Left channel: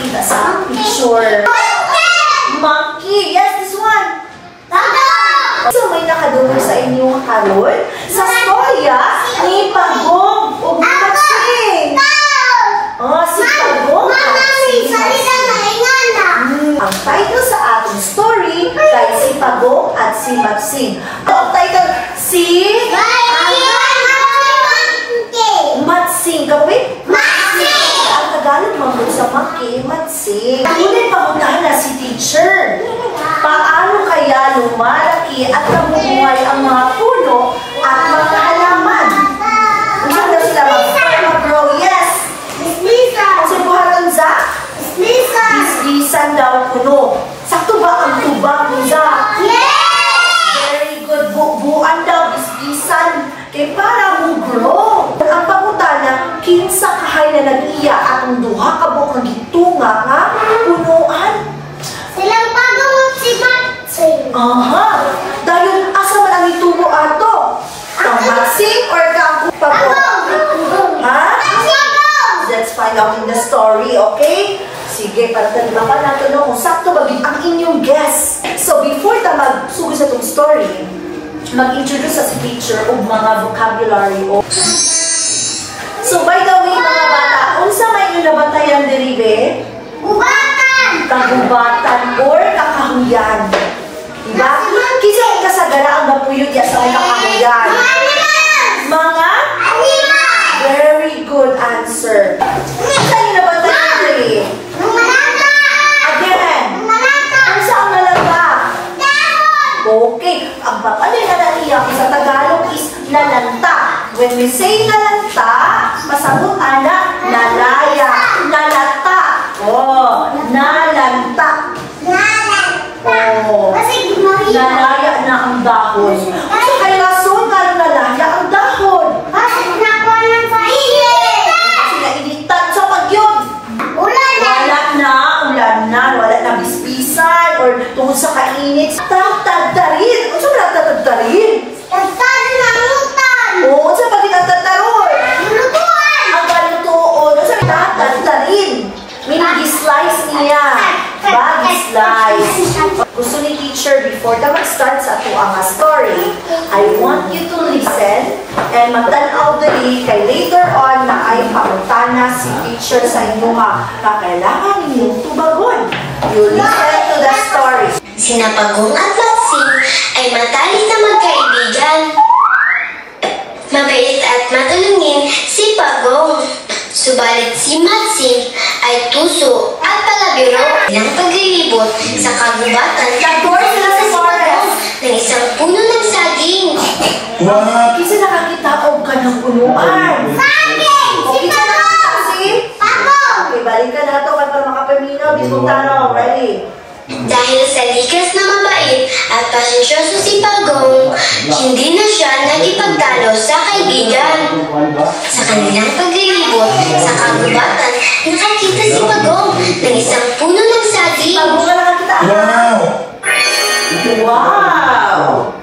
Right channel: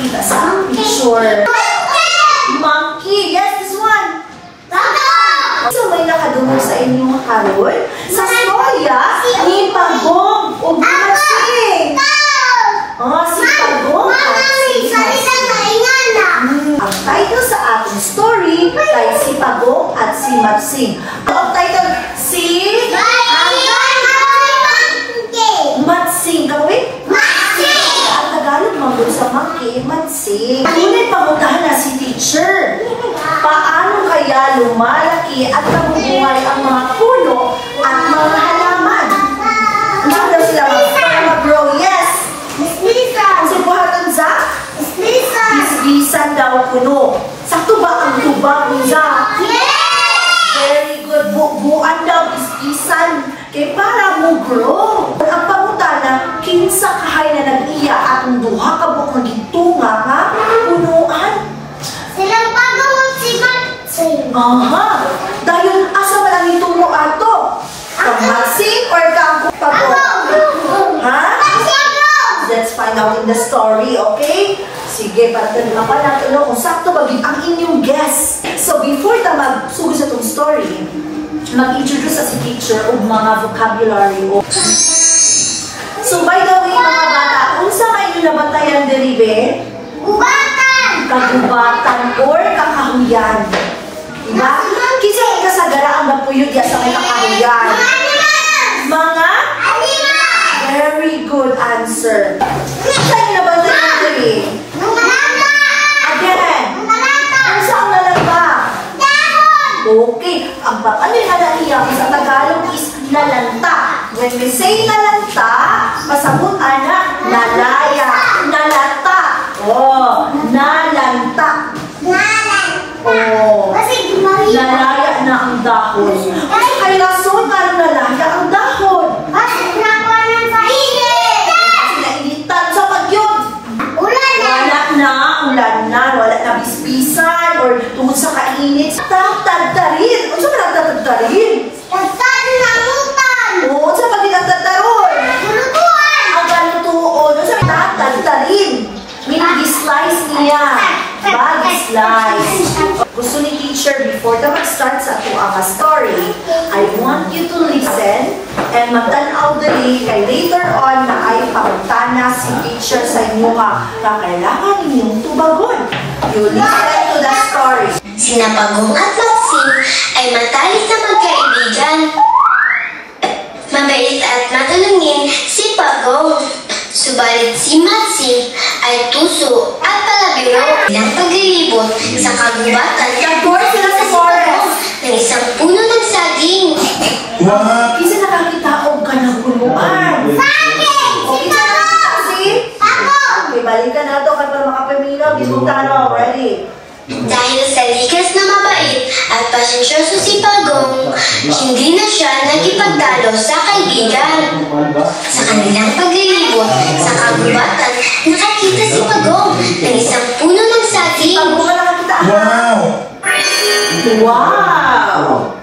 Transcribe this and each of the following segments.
nakita sa picture? Monkey! Yes, this one! So, may nakadungog sa inyong karon? Sa storya ni Pagong o Matsing. Si Pagong at si Matsing. Ang title sa ating story ay si Pagong at si Matsing. Ang title, si Matsing. Kapit? Matsing! Ang Tagalog mabot sa monkey, Matsing. Tunay pangunahan na si teacher. Paano kaya lumalaki at nabubuhay ang mga puno at mga halaman? Hindi daw sila mag-grow. Yes! Miss Lisa! Subuhan sa? Miss Lisa! Bisbisan daw puno. Sakto ba ang tubang niya? Yes! Very good. Buuan daw bisbisan. Kaya para mo grow. Ang pangutana, kinsa kahay na nag-iya ang duha ka buong gitunga nga punuan. Silang Pagong at si Matsing. Dahil asa man ang itungo ato? Kang Matsing or kang Pagong? Ha? Let's find out in the story, okay? Sige, pagtalima pa natin kung sakto ba ang inyong guess. So before ta magsugod sa itong story, mag-introduce sa si teacher o mga vocabulary. So by the way, mga bata, unsa may nabatayan diribe? Ubatan! Kagubatan or kakahuyan. Diba? Kisa ikasagara ang napuyod yan sa may kakahuyan. Mga? Very good answer. Saan na ba tayo dali? Again. Ano saan na lang ka? Okay. Ang papanay na naiyak sa Tagalog is nalanta. When we say nalanta, pasabutan na nalaya. Nalata. Nalanta. Nalaya na ang dahon. Kaya so nga nalaya ang dahon. Nainitan sa pagyod. Ulan na bisbisan or tungkol sa kainit. Tagtagtarin. Ano sa mga tagtagtarin? Oo, sa pagkitagtagtaron. Ang galutuon. Ano sa mga tagtagtarin? Minag-slice niya. Bag-slice. Gusto ni teacher, before na mag-start sa tuwang story, I want you to listen and magtanaw dali kay later on na ay pautana si teacher sa inyo na kailangan ninyong tubagon. You listen to the story. Sina Pagong at Matsing ay matalik na magkaibigan. Mabait at matulungin si Pagong. Subalit si Matsing ay tuso at palabiro ng paglilibot sa kagubatan ng isang puno ng saging. Kasi nakakita ko ka ng punuan. Saging! Si Pagong! Pagong! Okay, balikan na ito para makapaminaw. Bisong tanong. Ready? Dahil sa likas na mabait at pasensyoso si Pagong, hindi na siya nagipagdalo sa kaibigan. Sa kanilang paglilibot sa kagubatan, nakakita si Pagong ng isang puno ng saging. Pagong na nakakita. Wow!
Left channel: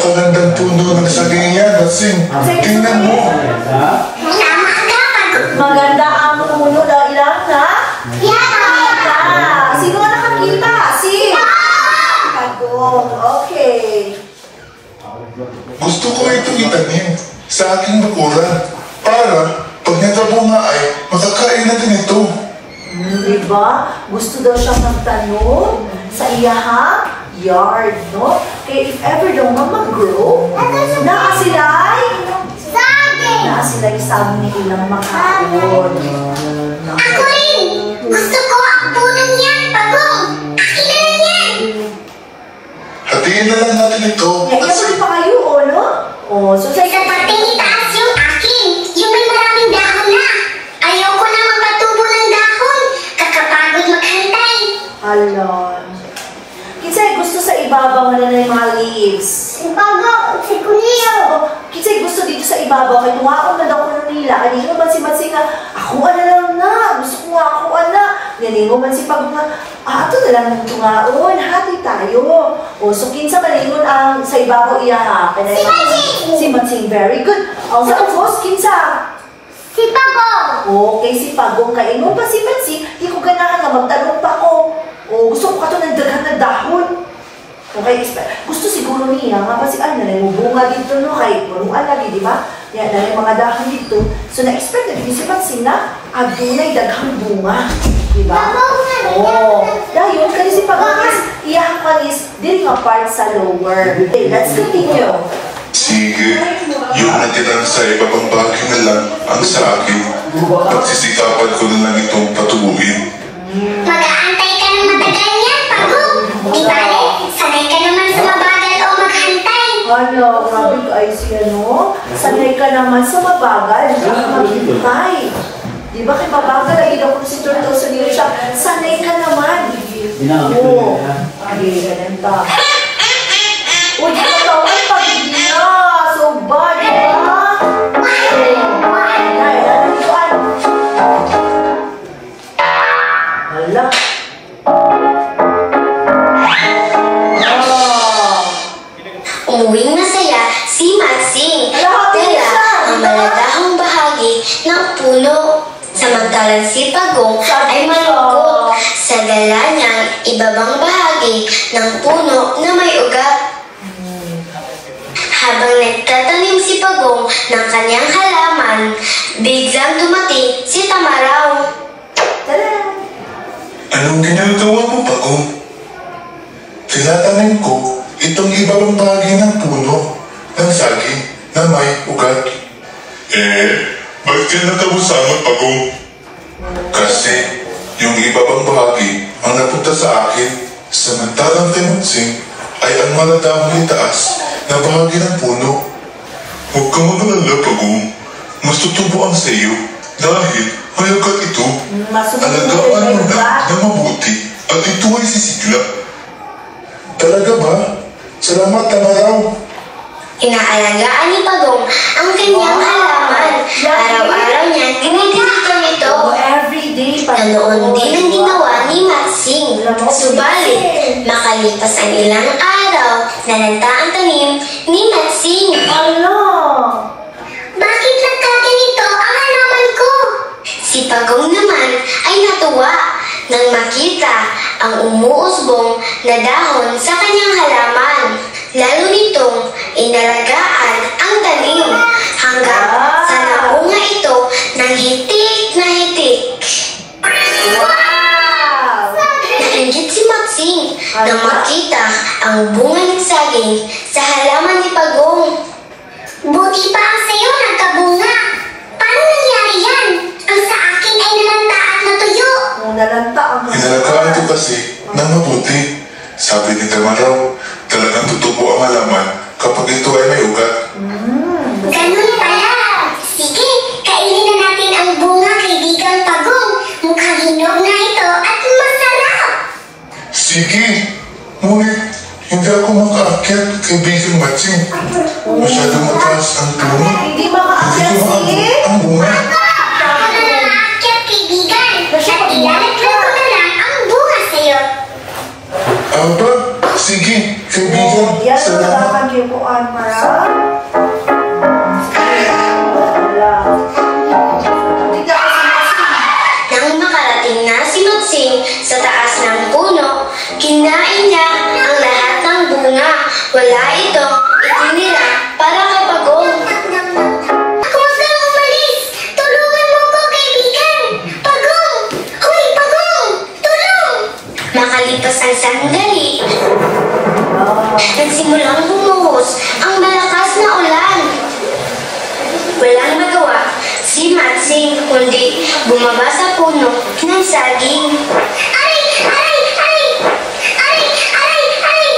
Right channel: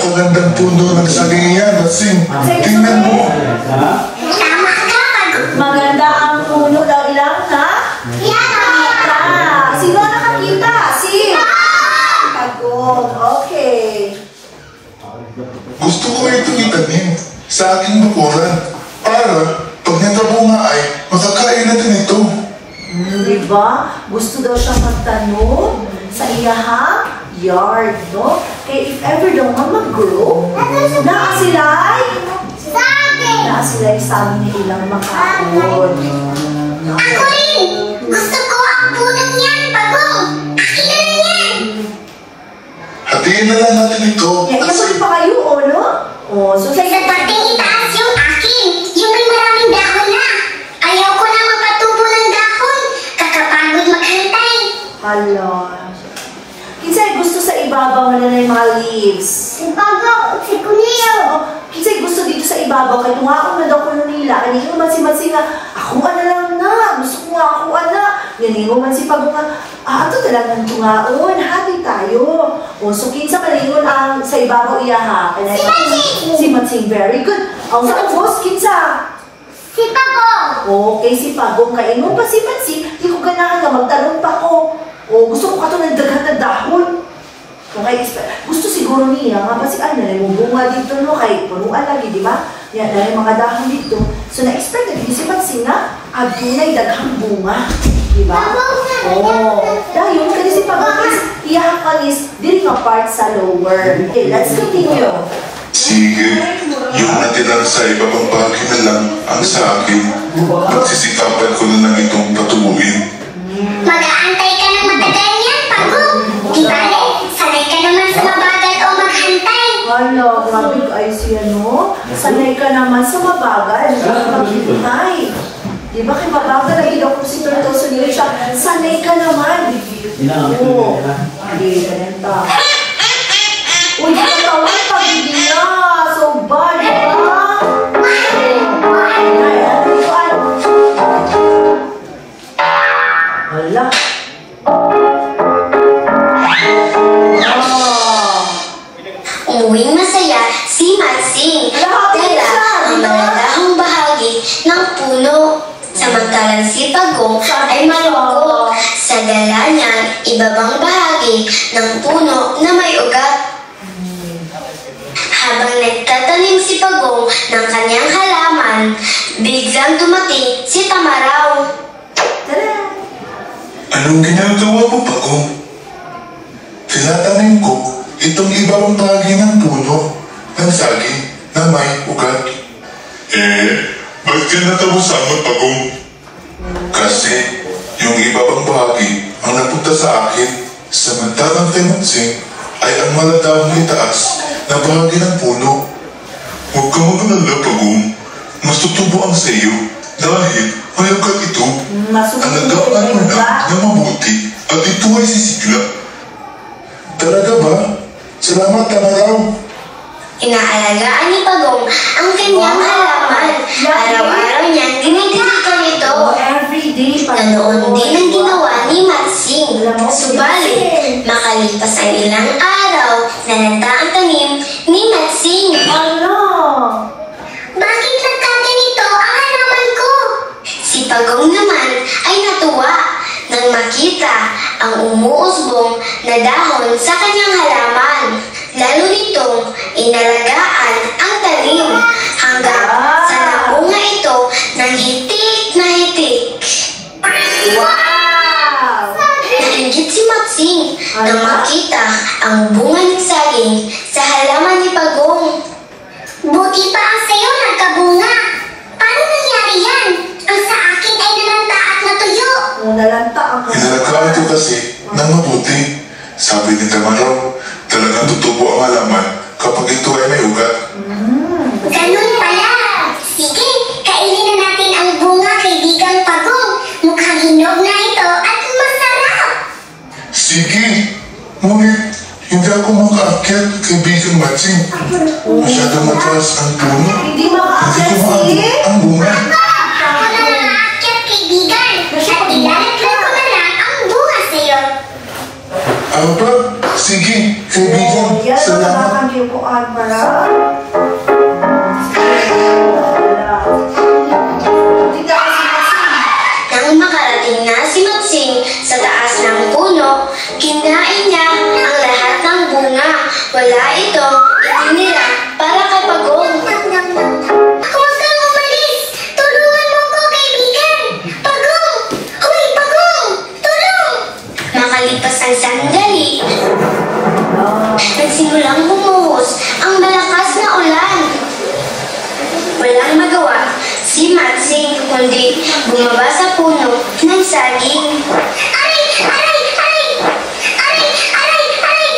Ang gandang puno ng saging yan, Matsing. Tingnan mo. Tama ka, Pagong. Maganda ang puno ng ilang na? Sino nakakita? Si Pagong. Okay. Gusto ko ito itanim sa aking bakuran para pag natabunga ay makakain natin ito. Diba? Gusto daw siya magtanong sa iyahang yard, no? Kaya if ever daw mag-grow, naa sila sabi ni ilang makakuon. Ako rin! Gusto ko ang punong yan, Pagong! Akin na yan! Hatiin na lang natin ito. Ituloy pa kayo, no? So Sa dating itaas yung akin, yung may maraming dahon na. Ayaw ko na magpatubo ng dahon. Kakapagod maghantay. Hala. Kinsay gusto sa ibabaw na yung mga leaves? Si Pagong, si Kunil. Kinsay gusto dito sa ibabaw? Kaya tungaon na daw ko nila. Aningo man si Matsing nga, ako na lang na. Gusto ko nga ako na. Yaningo man si Pagong nga, ato na lang ng tungaon. Hati tayo. So kinsa malingon ang sa ibabaw iya ha? Si Matsing. Si Matsing, very good. Ang sa ubos, kinsa? Si Pagong. ako kay si Pagong kay mo pa si Matsing, di ko ganahan na magtanong pa ko. O gusto ko ka ito ng dagat na dahon. Okay, gusto siguro niya nga kasi ano na yung bunga dito no kay punuan lagi, di ba? Yan na yung mga dahon dito. So na-expect na din si Matsing na adunay daghang bunga. Di ba? Dahil kasi si Pagong iyahapanis din nga part sa lower. Okay, let's continue. Sige, yung natirang sa ibabang bahagi na lang ang sa akin. Pagsisikapan ko na lang itong patubuin. Mag-aantay ka ng matagal yan, Pagong. Di bale, sanay ka naman sa mabagal o maghantay. Hala, grabe ay siya, no? Sanay ka naman sa mabagal, maghintay. Di ba kay mabagal, nagiging ko si Turtle sa nila siya, sanay ka naman. Oo. Okay, ganito. Uy, katawan pa, hindi na. So bad, di ba? Ay, ano ba? Hala. Umuwing masaya si Matsing. Tela ang maladahang bahagi ng puno. Samantalang si Pagong ay malungkot sa gala niyang ibabang bahagi ng puno na may ugat. Habang nagtatanim si Pagong ng kanyang halaman, biglang dumating si Tamaraw. Anong ginagawa mo, Pagong? Tinatanim ko itong ibang bahagi ng puno ng saging na may ugat. Ba't tinatawusan mo, Pagong? Kasi yung ibang bahagi ang napunta sa akin, samantalang kay Matsing ay ang maladahang itaas na bahagi ng puno. Huwag kang mag-alala, Pagong. Mas tutubo ang sayo dahil may ugat ito. Alagaan mo na mabuti at ito ay sisigla. Talaga ba? Salamat, Tamaraw. Inaalagaan ni Pagong ang kanyang halaman. Araw-araw niyang dinidiligan ito. Na noon din ang ginawa ni Matsing. Subalit, makalipas ang ilang araw na nagda ang tanim ni Matsing. Bakit nagkaganito ang halaman ko? Si Pagong naman ay natuwa nang makita ang umuusbong na dahon sa kanyang halaman. Lalo nitong inalagaan ang tanim hanggang sa naunga ito ng hitik na hitik. Wow! Nainggit si Matsing nang makita ang bunga ng saging sa halaman ni Pagong. Buti pa ang sayo nagkabunga. Paano nangyari yan? Ang sa akin ay nalanta at natuyo. Nalanta ang Inalagaan ko kasi na mabuti. Sabi ni Tamaraw, talagang tutubo ang halaman kapag ito ay may ugat. Ganun pala. Sige, kainin na natin ang bunga, kaibigang Pagong. Mukhang hinog na ito at masarap. Sige, ngunit hindi ako makaakyat kay Bigang Matsing. Masyadong mataas ang puno. Hindi Hindi ko makaakyat maabot ang bunga. Ako na nakaakyat, kaibigan. At ilalaglag ko na lang ang bunga sa'yo. Aba, sige, kaibigan. Yan, Salamat. nakakagyo ko, Almara. Nang makarating na si Matsing sa taas ng puno, kinain niya ang lahat ng bunga. Wala itong itinira para kay Pagong. Huwag kang umalis! Tulungan mo ko, kaibigan! Pagong! Hoy, Pagong! Tulong! Makalipas ang sandali, nagsimulang bumuhos ang malakas na ulan. Walang magawa si Matsing kundi bumaba sa puno ng saging. Aray! Aray! Aray! Aray! Aray! Aray!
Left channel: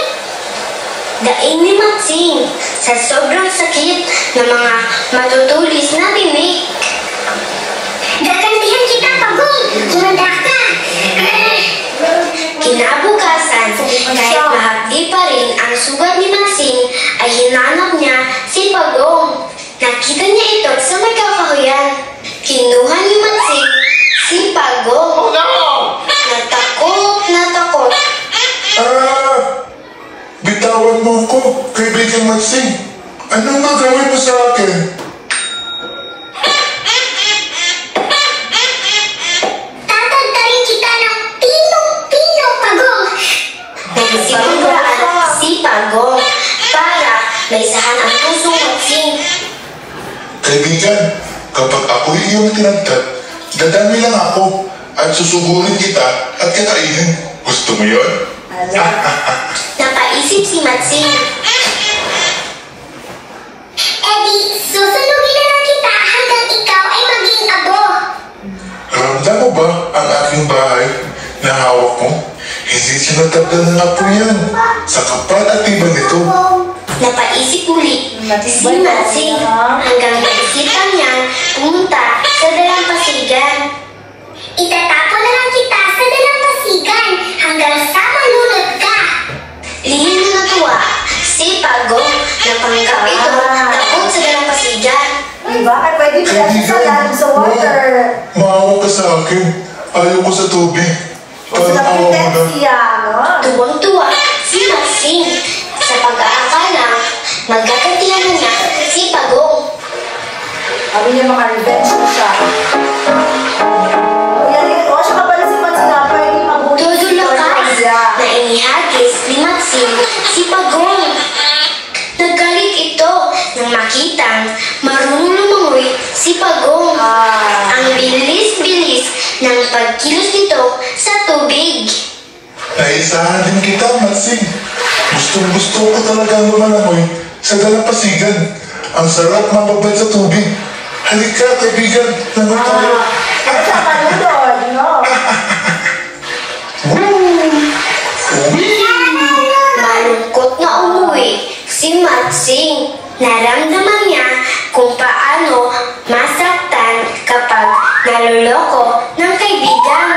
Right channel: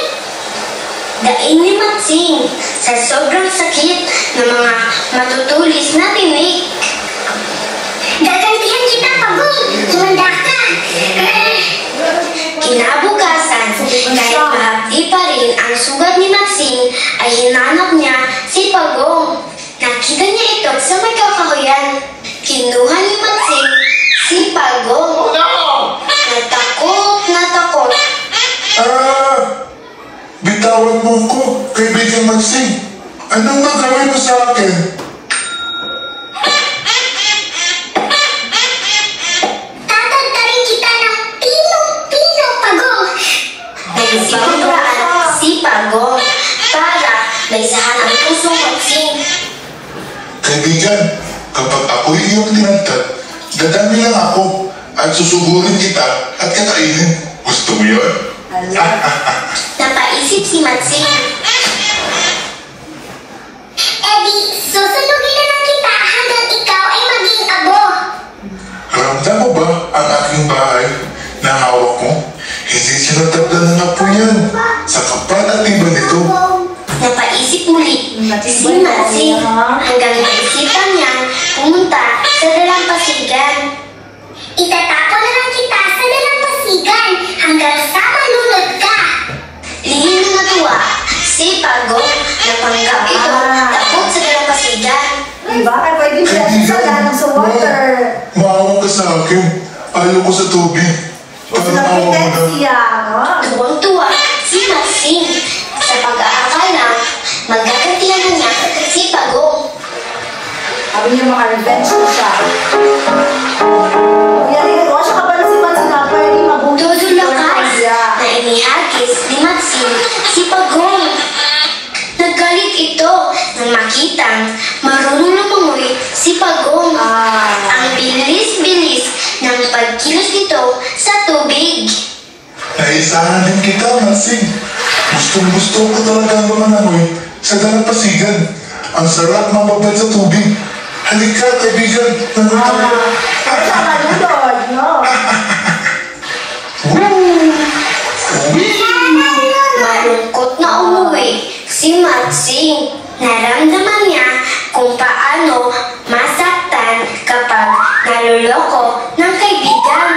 Daing ni Matsing sa sobrang sakit ng mga matutulis na tinik. Gagantihan kita, Pagong! Tumanda ka! Kinabukasan, kahit mahapdi pa rin ang sugat ni Matsing, ay hinanap niya si Pagong. Nakita niya ito sa may kakahuyan. Kinuha ni Matsing si Pagong. Natakot na takot. Bitawan mo ko, kaibigan Matsing. Anong gagawin mo sa akin? may sahan ang pusong Matsing. Kaibigan, kapag ako'y iyong tinagtad, dadami lang ako at susugurin kita at kakainin. Gusto mo yun? Napaisip si Matsing. Susunugin na lang kita hanggang ikaw ay maging abo. Ramdam mo ba ang aking bahay na hawak mo? Hindi sinatablan ng apo yan. Sa kapal at iba nito. Napaisip muli si Matsing hanggang naisipan niya pumunta sa dalampasigan. Itatapon na lang kita sa dalampasigan hanggang sa malunod ka. Lihim na natuwa si Pagong na panggap ito takot sa dalampasigan. Diba? Pwede ka lang sa water. Maawa ka sa akin. Ayaw ko sa tubig. Parang awa mo na. Tuwang-tuwa si Matsing sa pag-aakalang magkakantihan niya si Pagong. Sabi niya maka-revenge ko siya. Yan, siya ka pala si Matsing na pa yung mabuti. Tudulakas na inihagis ni Matsing si Pagong. Naggalit ito nang makitang marunong lumangoy si Pagong. Ang bilis-bilis ng pagkilos nito sa tubig. Naisahan din kita, Matsing. Gustong-gusto ko talaga lumangoy sa dalampasigan. Ang sarap mababad sa tubig. Halika, kaibigan. Naman tayo. Sa manunod, no? Malungkot na umuwi si Matsing. Naramdaman niya kung paano masaktan kapag naloloko ng kaibigan.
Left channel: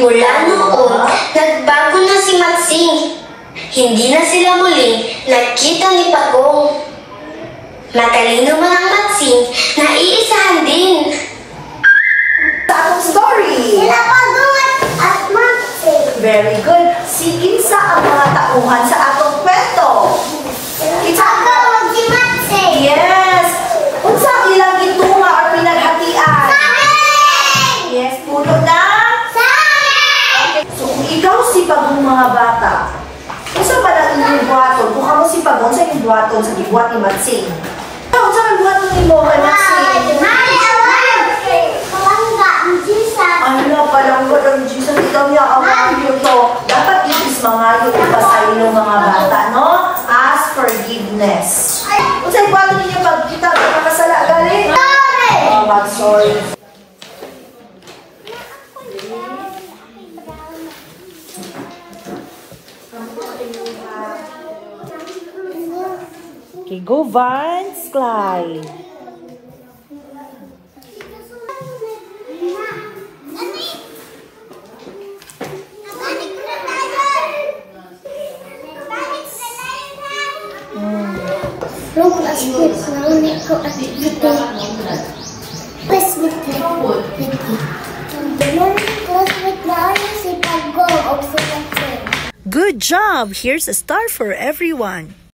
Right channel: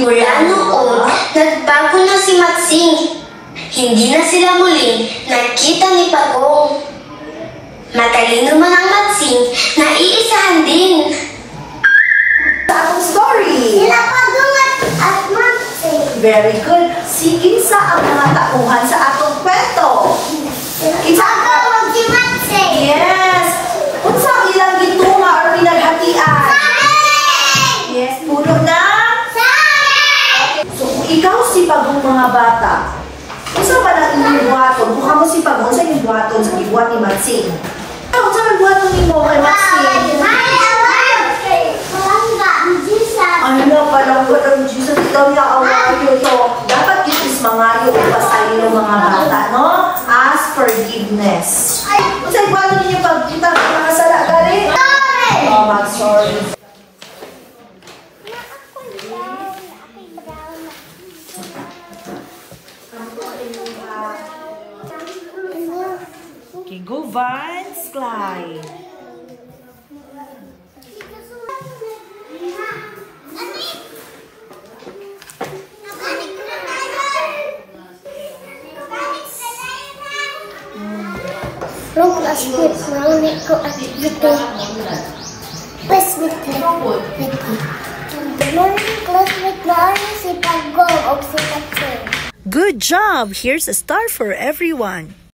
Mula noon, nagbago na si Matsing. Hindi na sila muling nakita ni Pagong. Matalino man ang Matsing na iisahan din. Atong story. Sila Pagong at Matsing. Very good. Sige sa ang mga tauhan sa atong kwento. Pagong si Matsing. Yes. Unsa ilang gitunga or pinaghatian? Yes, puno na. So, kung ikaw si Pagong mga bata, unsa ba na inyong buhaton? Kung mo si Pagong sa inyong buhaton sa gibuhat ni Matsing. Unsa ang buhaton ni mo kay Matsing? Ano palang walang Jesus, ikaw niya ang mga to. Dapat isis mga yung sa iyo mga bata, no? Ask forgiveness. Kung sa'yo paano ninyo pagkita ng mga sala galing? Oh, mag-sorry. Okay, go Vance, Clyde. Roblox Kids, narinig ko at dito. Facebook morning classmate na si Pagong o si Matsing. Good job! Here's a star for everyone.